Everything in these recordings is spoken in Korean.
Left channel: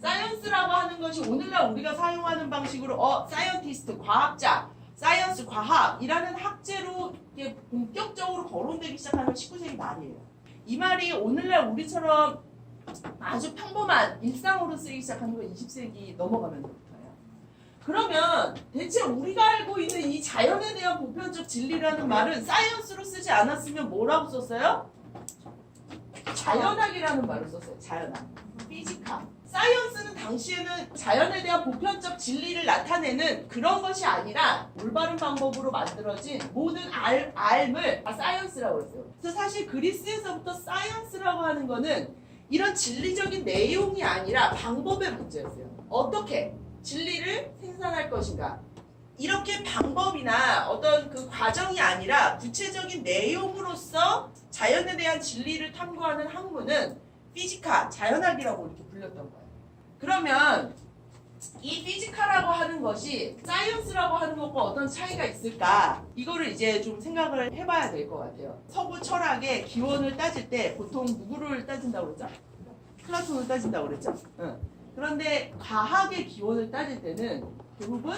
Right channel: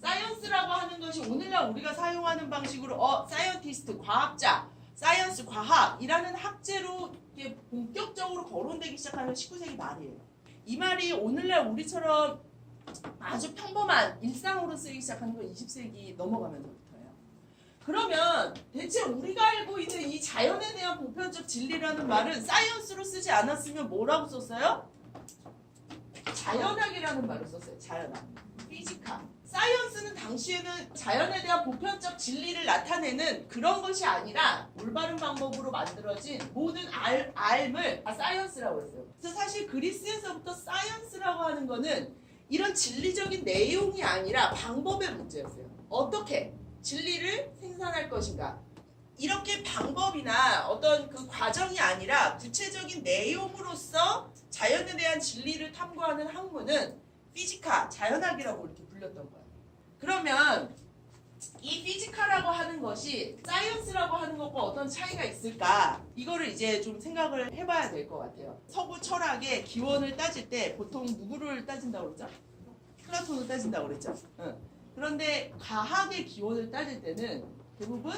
사이언스라고 하는 것이 오늘날 우리가 사용하는 방식으로 사이언티스트, 과학자, 사이언스, 과학이라는 학제로 이게 본격적으로 거론되기 시작하는 19세기 말이에요. 이 말이 오늘날 우리처럼 아주 평범한 일상으로 쓰이기 시작하는 건 20세기 넘어가면서부터예요. 그러면 대체 우리가 알고 있는 이 자연에 대한 보편적 진리라는 말은 사이언스로 쓰지 않았으면 뭐라고 썼어요? 자연학이라는 말을 썼어요. 자연학. 피지카. 사이언스는 당시에는 자연에 대한 보편적 진리를 나타내는 그런 것이 아니라 올바른 방법으로 만들어진 모든 알을 다 사이언스라고 했어요. 그래서 사실 그리스에서부터 사이언스라고 하는 거는 이런 진리적인 내용이 아니라 방법의 문제였어요. 어떻게 진리를 생산할 것인가. 이렇게 방법이나 어떤 그 과정이 아니라 구체적인 내용으로서 자연에 대한 진리를 탐구하는 학문은 피지카, 자연학이라고 이렇게 불렸던 거예요. 그러면 이 피지카라고 하는 것이 사이언스라고 하는 것과 어떤 차이가 있을까? 이거를 이제 좀 생각을 해봐야 될 것 같아요. 서구 철학의 기원을 따질 때 보통 누구를 따진다고 그랬죠? 플라톤을 따진다고 그랬죠? 응. 그런데 과학의 기원을 따질 때는 대부분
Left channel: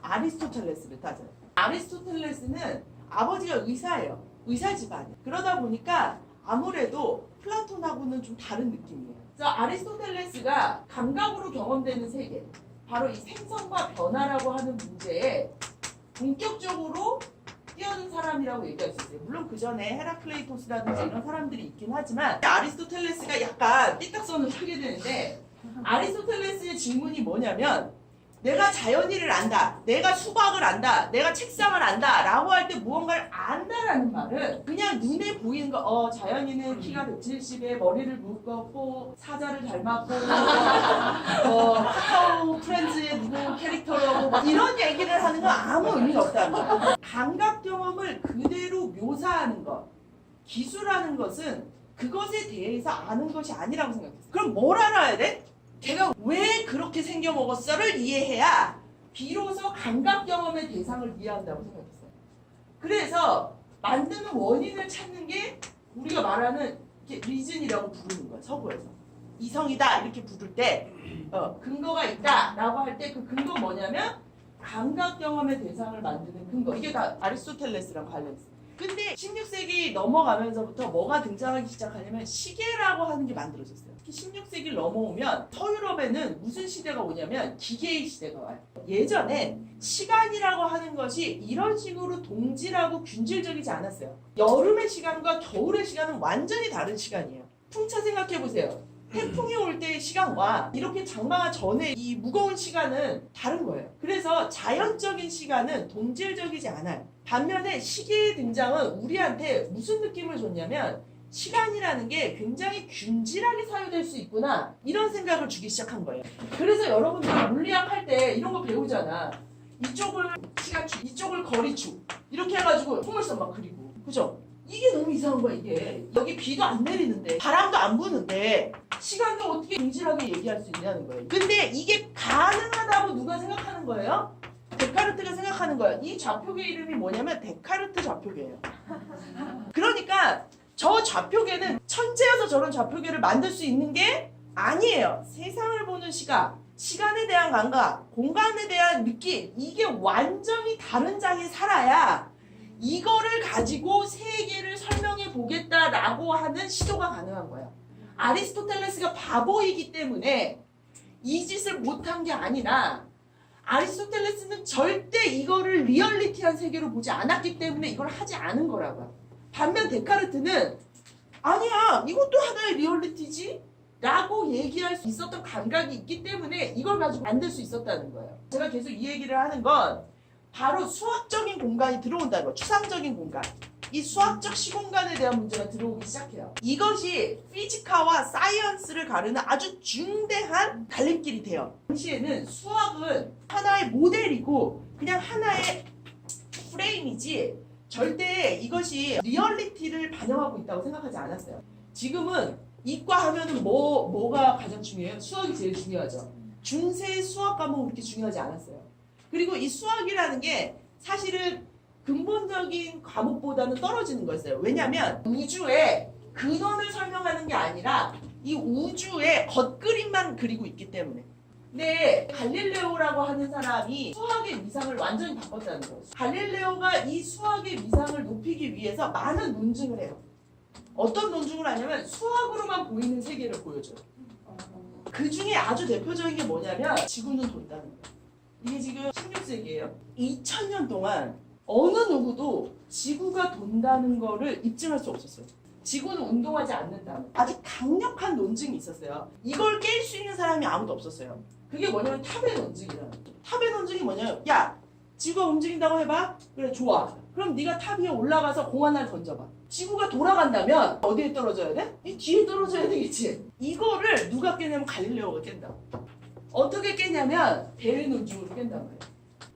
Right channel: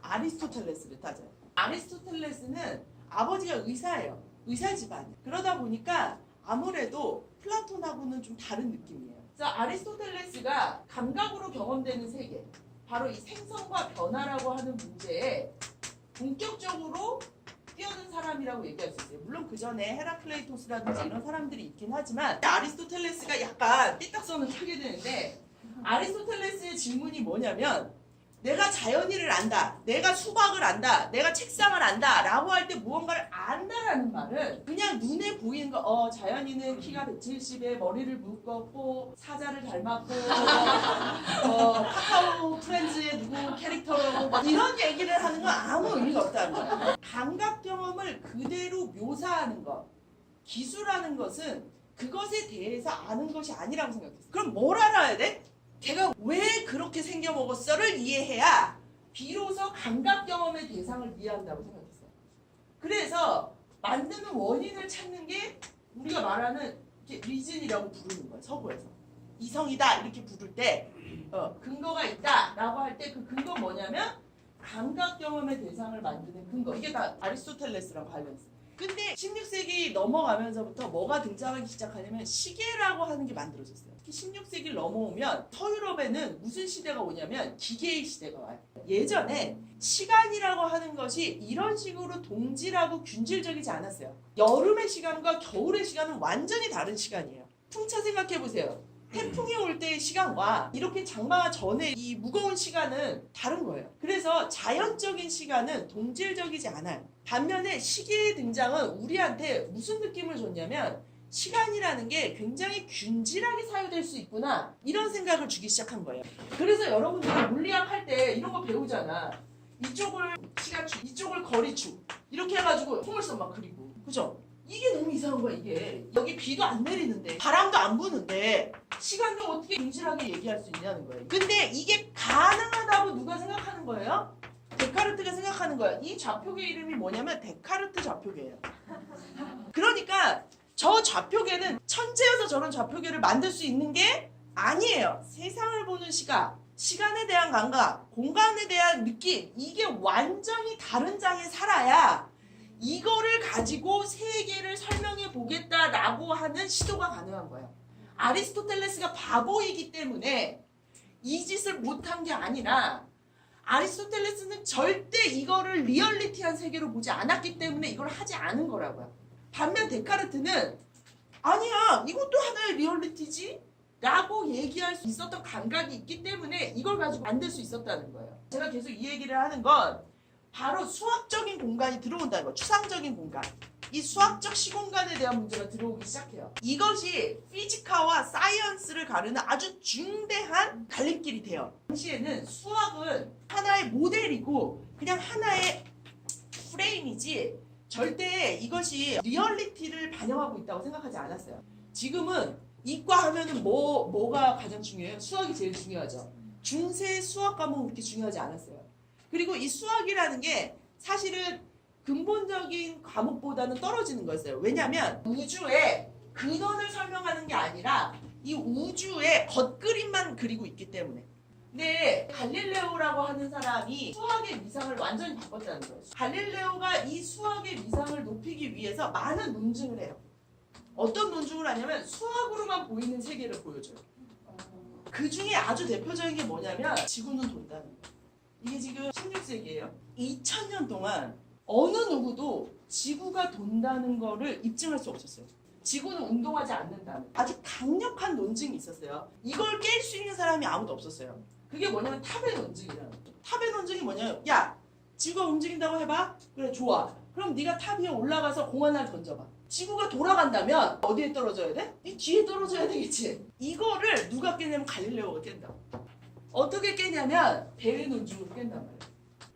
아리스토텔레스를 따져요. 아리스토텔레스는 아버지가 의사예요. 의사 집안이에요. 그러다 보니까 아무래도 플라톤하고는 좀 다른 느낌이에요. 그래서 아리스토텔레스가 감각으로 경험되는 세계, 바로 이 생성과 변화라고 하는 문제에 본격적으로 뛰어든 사람이라고 얘기할 수 있어요. 물론 그 전에 헤라클레이토스라든지 이런 사람들이 있긴 하지만 아리스토텔레스가 약간 삐딱선을 타게 되는데 아리스토텔레스의 질문이 뭐냐면 내가 자연이를 안다, 내가 수학을 안다, 내가 책상을 안다 라고 할 때 무언가를 안다라는 말은 그냥 눈에 보이는 거 자연이는 키가 170에 머리를 묶었고 사자를 닮았고 카카오 프렌즈의 누구 캐릭터라고 이런 얘기를 하는 건 아무 의미가 없다는 거예요. 감각 경험을 그대로 묘사하는 것, 기술하는 것은 그것에 대해서 아는 것이 아니라고 생각했어요. 그럼 뭘 알아야 돼? 걔가 왜 그렇게 생겨먹었어를 이해해야 비로소 감각 경험의 대상을 이해한다고 생각했어요. 그래서 만드는 원인을 찾는 게 우리가 말하는 리즌이라고 부르는 거예요. 서구에서. 이성이다 이렇게 부를 때 근거가 있다 라고 할 때 그 근거 뭐냐면 감각 경험의 대상을 만드는 근거. 이게 다 아리스토텔레스랑 관련있어요. 근데 16세기 넘어가면서부터 뭐가 등장하기 시작하냐면 시계라고 하는 게 만들어졌어요. 특히 16세기를 넘어오면 서유럽에는 무슨 시대가 오냐면 기계의 시대가 와요. 예전에 시간이라고 하는 것이 이런 식으로 동질하고 균질적이지 않았어요. 여름의 시간과 겨울의 시간은 완전히 다른 시간이에요. 풍차 생각해보세요. 태풍이 올 때의 시간과 이렇게 장마가 전에 이 무거운 시간은 다른 거예요. 그래서 자연적인 시간은 동질적이지 않아요. 반면에 시계의 등장은 우리한테 무슨 느낌을 줬냐면 시간이라는 게 굉장히 균질하게 사유될 수 있구나 이런 생각을 주기 시작한 거예요. 그래서 여러분들 물리학 할 때 이런 거 배우잖아. 이쪽을 시간축, 이쪽을 거리축 이렇게 해가지고 풍물선 막 그리고 그죠? 이게 너무 이상한 거야. 이게 여기 비도 안 내리는데 바람도 안 부는데 시간도 어떻게 균질하게 얘기할 수 있냐는 거예요. 근데 이게 가능하다고 누가 생각하는 거예요? 데카르트가 생각하는 거예요. 이 좌표계 이름이 뭐냐면 데카르트 좌표계예요. 그러니까 저 좌표계는 천재여서 저런 좌표계를 만들 수 있는 게 아니에요. 세상을 보는 시각, 시간에 대한 감각, 공간에 대한 느낌, 이게 완전히 다른 장에 살아야 이거를 가지고 세계를 설명해 보겠다라고 하는 시도가 가능한 거예요. 아리스토텔레스가 바보이기 때문에 이 짓을 못한 게 아니라 아리스토텔레스는 절대 이거를 리얼리티한 세계로 보지 않았기 때문에 이걸 하지 않은 거라고요. 반면 데카르트는 아니야 이것도 하나의 리얼리티지 라고 얘기할 수 있었던 감각이 있기 때문에 이걸 가지고 만들 수 있었다는 거예요. 제가 계속 이 얘기를 하는 건 바로 수학적인 공간이 들어온다는 거예요. 추상적인 공간. 이 수학적 시공간에 대한 문제가 들어오기 시작해요. 이것이 피지카와 사이언스를 가르는 아주 중대한 갈림길이 돼요. 당시에는 수학은 하나의 모델이고 그냥 하나의 프레임이지 절대 이것이 리얼리티를 반영하고 있다고 생각하지 않았어요. 지금은 이과 하면은 뭐가 가장 중요해요? 수학이 제일 중요하죠. 중세 수학 과목은 그렇게 중요하지 않았어요. 그리고 이 수학이라는 게 사실은 근본적인 과목보다는 떨어지는 거였어요. 왜냐하면 우주의 근원을 설명하는 게 아니라 이 우주의 겉그림만 그리고 있기 때문에. 근데 갈릴레오라고 하는 사람이 수학의 위상을 완전히 바꿨다는 거예요. 갈릴레오가 이 수학의 위상을 높이기 위해서 많은 논증을 해요. 어떤 논증을 하냐면 수학으로만 보이는 세계를 보여줘요. 그 중에 아주 대표적인 게 뭐냐면 지구는 돈다는 거예요. 이게 지금 16세기예요. 2000년 동안 어느 누구도 지구가 돈다는 거를 입증할 수 없었어요. 지구는 운동하지 않는다는 아주 강력한 논증이 있었어요. 이걸 깰 수 있는 사람이 아무도 없었어요. 그게 뭐냐면 탑의 논증이라는 거예요. 탑의 논증이 뭐냐면 야, 지구가 움직인다고 해봐. 그래, 좋아. 그럼 네가 탑 위에 올라가서 공 하나를 던져봐. 지구가 돌아간다면 어디에 떨어져야 돼? 이 뒤에 떨어져야 되겠지. 이거를 누가 깼냐면 갈릴레오가 깬다고. 어떻게 깼냐면 대외 논증으로 깬단 말이야.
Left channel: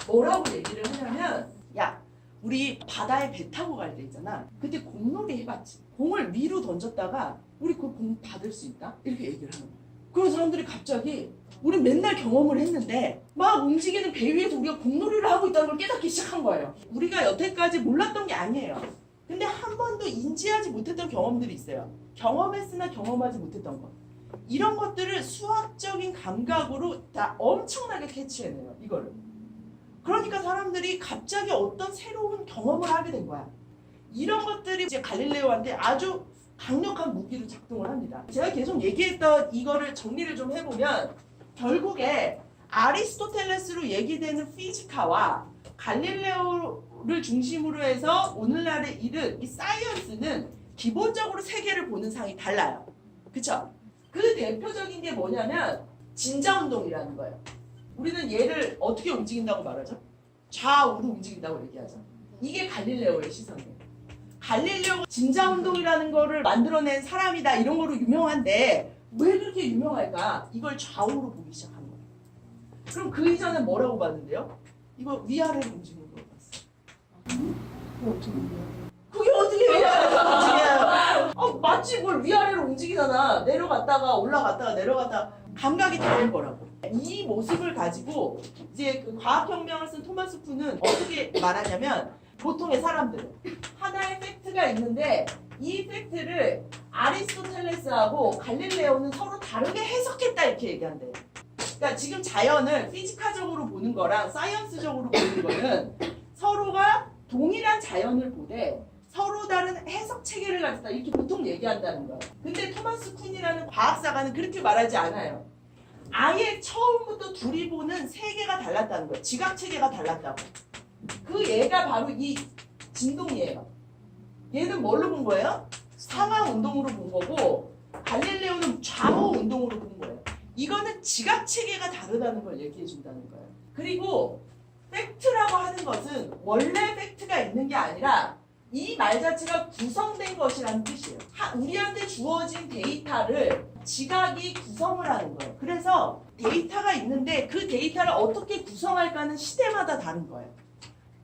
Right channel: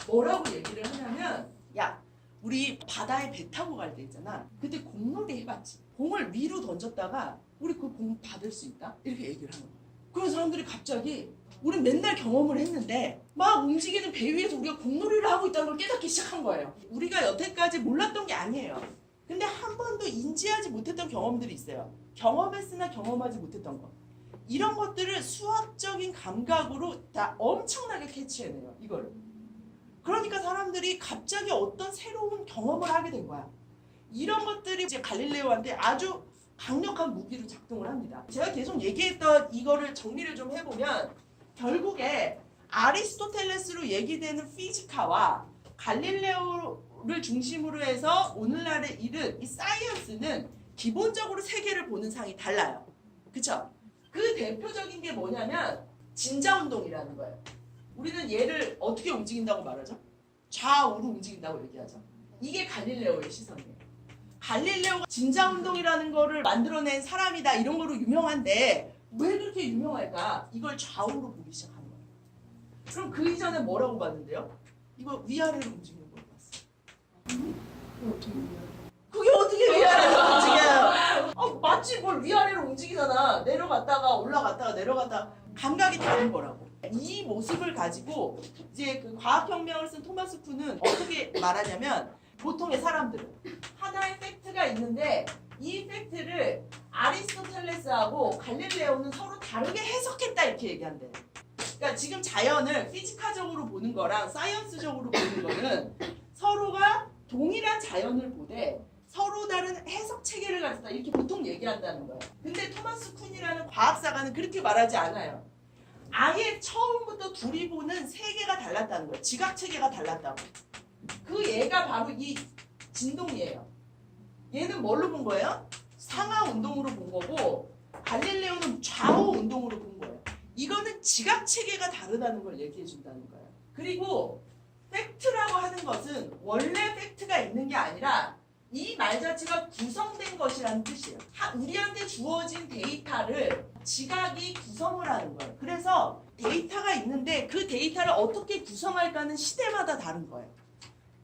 뭐라고 얘기를 하냐면 야, 우리 바다에 배 타고 갈 때 있잖아. 그때 공놀이 해봤지. 공을 위로 던졌다가 우리 그 공 받을 수 있다? 이렇게 얘기를 하는 거야. 그런 사람들이 갑자기 우리 맨날 경험을 했는데 막 움직이는 배 위에서 우리가 공놀이를 하고 있다는 걸 깨닫기 시작한 거예요. 우리가 여태까지 몰랐던 게 아니에요. 근데 한 번도 인지하지 못했던 경험들이 있어요. 경험했으나 경험하지 못했던 것. 이런 것들을 수학적인 감각으로 다 엄청나게 캐치해내요. 이거를. 그러니까 사람들이 갑자기 어떤 새로운 경험을 하게 된 거야. 이런 것들이 이제 갈릴레오한테 아주 강력한 무기로 작동을 합니다. 제가 계속 얘기했던 이거를 정리를 좀 해보면 결국에 아리스토텔레스로 얘기되는 피지카와 갈릴레오를 중심으로 해서 오늘날에 이른 이 사이언스는 기본적으로 세계를 보는 상이 달라요. 그쵸? 그 대표적인 게 뭐냐면 진자운동이라는 거예요. 우리는 얘를 어떻게 움직인다고 말하죠? 좌우로 움직인다고 얘기하죠. 이게 갈릴레오의 시선이에요. 갈릴레오가 진자운동이라는 거를 만들어낸 사람이다 이런 거로 유명한데 왜 그렇게 유명할까? 이걸 좌우로 보기 시작한 거예요. 그럼 그 이전에 뭐라고 봤는데요? 이거 위아래로 움직이는 걸 봤어요. 그게 어떻게 위아래로 움직여요? 마치 뭘 위아래로 움직이잖아. 내려갔다가 올라갔다가 내려갔다가 감각이 다른 거라고. 이 모습을 가지고 이제 그 과학혁명을 쓴 토마스 쿤은 어떻게 말하냐면 보통의 사람들은 하나의 팩트가 있는데 이 팩트를 아리스토텔레스하고 갈릴레오는 서로 다르게 해석했다 이렇게 얘기한대요. 그러니까 지금 자연을 피지카적으로 보는 거랑 사이언스적으로 보는 거는 서로가 동일한 자연을 보되 서로 다른 해석 체계를 가졌다 이렇게 보통 얘기한다는 거예요. 근데 토마스 쿤이라는 과학사가는 그렇게 말하지 않아요. 아예 처음부터 둘이 보는 세계가 달랐다는 거예요. 지각 체계가 달랐다고. 그 얘가 바로 이 진동이에요. 얘는 뭘로 본 거예요? 상하 운동으로 본 거고 갈릴레오는 좌우 운동으로 본 거예요. 이거는 지각 체계가 다르다는 걸 얘기해 준다는 거예요. 그리고 팩트라고 하는 것은 원래 팩트가 있는 게 아니라 이 말 자체가 구성된 것이라는 뜻이에요. 우리한테 주어진 데이터를 지각이 구성을 하는 거예요. 그래서 데이터가 있는데 그 데이터를 어떻게 구성할까는 시대마다 다른 거예요.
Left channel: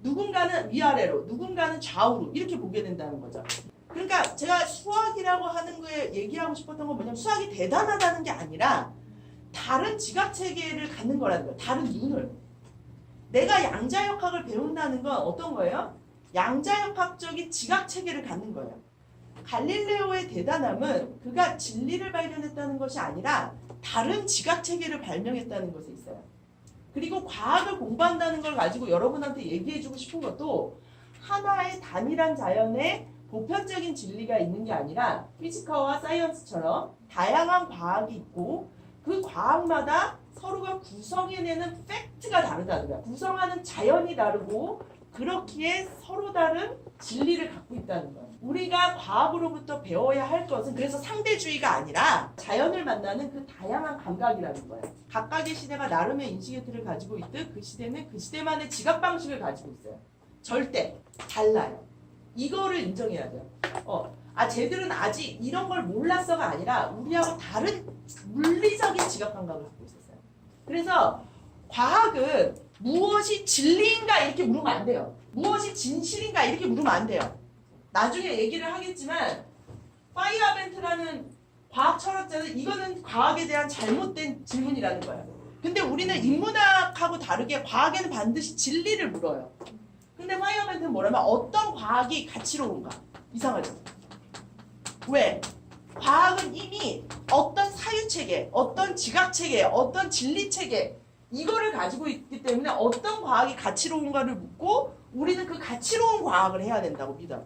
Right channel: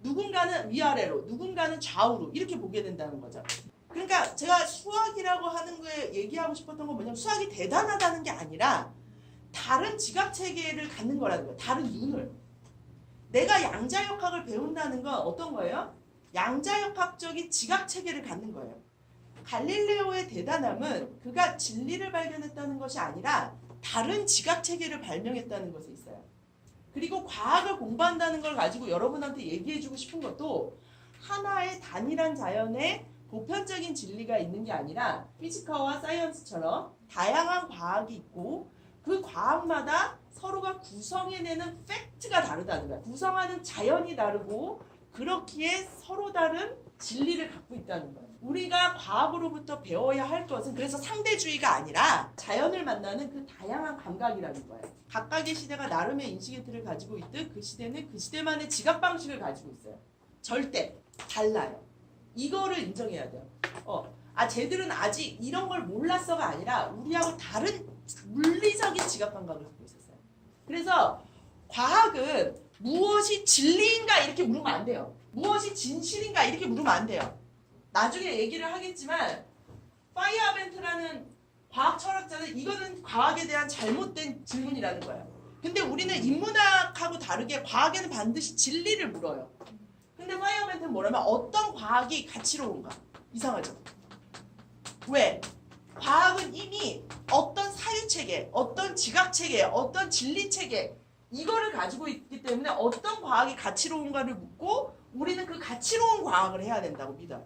누군가는 위아래로, 누군가는 좌우로 이렇게 보게 된다는 거죠. 그러니까 제가 수학이라고 하는 거에 얘기하고 싶었던 건 뭐냐면 수학이 대단하다는 게 아니라 다른 지각 체계를 갖는 거라는 거예요. 다른 눈을. 내가 양자역학을 배운다는 건 어떤 거예요? 양자역학적인 지각 체계를 갖는 거예요. 갈릴레오의 대단함은 그가 진리를 발견했다는 것이 아니라 다른 지각 체계를 발명했다는 것에 있어요. 그리고 과학을 공부한다는 걸 가지고 여러분한테 얘기해주고 싶은 것도 하나의 단일한 자연에 보편적인 진리가 있는 게 아니라 피지카와 사이언스처럼 다양한 과학이 있고 그 과학마다 서로가 구성해내는 팩트가 다르다는 거야. 구성하는 자연이 다르고 그렇기에 서로 다른 진리를 갖고 있다는 거예요. 우리가 과학으로부터 배워야 할 것은 그래서 상대주의가 아니라 자연을 만나는 그 다양한 감각이라는 거예요. 각각의 시대가 나름의 인식의 틀을 가지고 있듯 그 시대는 그 시대만의 지각 방식을 가지고 있어요. 절대 달라요. 이거를 인정해야 돼요. 쟤들은 아직 이런 걸 몰랐어가 아니라 우리하고 다른 물리적인 지각 감각을 갖고 있었어요. 그래서 과학은 무엇이 진리인가 이렇게 물으면 안 돼요. 무엇이 진실인가 이렇게 물으면 안 돼요. 나중에 얘기를 하겠지만 파이어벤트라는 과학 철학자는 이거는 과학에 대한 잘못된 질문이라는 거예요. 근데 우리는 인문학하고 다르게 과학에는 반드시 진리를 물어요. 근데 파이어멘트는 뭐냐면 어떤 과학이 가치로운가. 이상하죠? 왜? 과학은 이미 어떤 사유체계, 어떤 지각체계, 어떤 진리체계 이거를 가지고 있기 때문에 어떤 과학이 가치로운가를 묻고 우리는 그 가치로운 과학을 해야 된다고 믿어.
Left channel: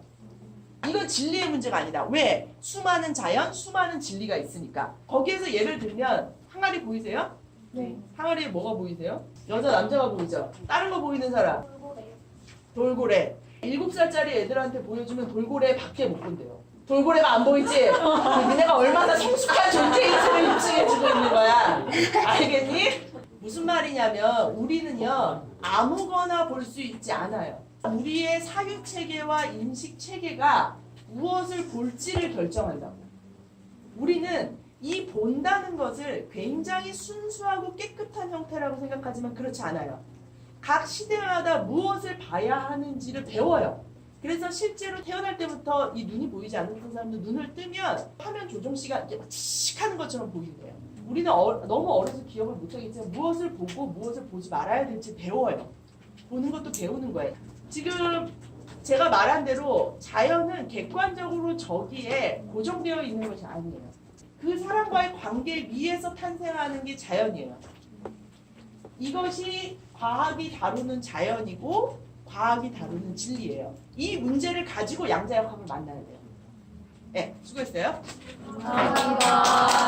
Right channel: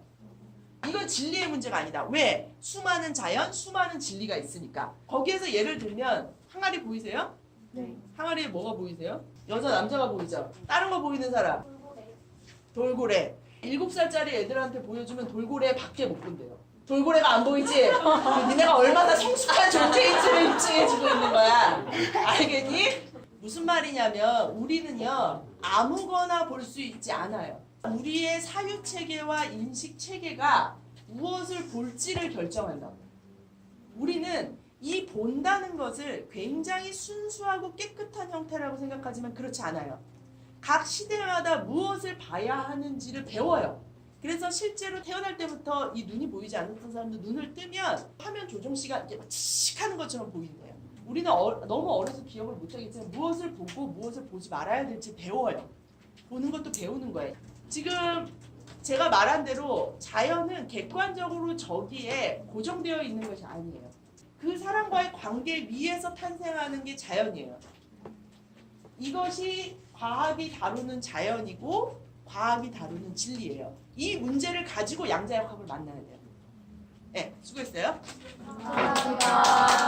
이건 진리의 문제가 아니다. 왜? 수많은 자연, 수많은 진리가 있으니까. 거기에서 예를 들면 항아리 보이세요? 네. 항아리에 뭐가 보이세요? 여자, 남자가 보이죠? 다른 거 보이는 사람? 돌고래. 7살짜리 애들한테 보여주면 돌고래 밖에 못 본대요. 돌고래가 안 보이지? 니네가 얼마나 성숙한 존재인지를 입증해주고 있는 거야. 알겠니? 무슨 말이냐면 우리는요 아무거나 볼 수 있지 않아요. 우리의 사유체계와 인식체계가 무엇을 볼지를 결정한다고. 우리는 이 본다는 것을 굉장히 순수하고 깨끗한 형태라고 생각하지만 그렇지 않아요. 각 시대마다 무엇을 봐야 하는지를 배워요. 그래서 실제로 태어날 때부터 이 눈이 보이지 않는 사람들 눈을 뜨면 화면 조정 시간 이렇게 막 칙 하는 것처럼 보이는 거예요. 우리는 너무 어려서 기억을 못하겠지만 무엇을 보고 무엇을 보지 말아야 될지 배워요. 보는 것도 배우는 거예요. 지금 제가 말한 대로 자연은 객관적으로 저기에 고정되어 있는 것이 아니에요. 그 사람과의 관계 위에서 탄생하는 게 자연이에요. 이것이 과학이 다루는 자연이고 과학이 다루는 진리예요. 이 문제를 가지고 양자역학을 만나야 돼요. 네, 수고했어요. 감사합니다.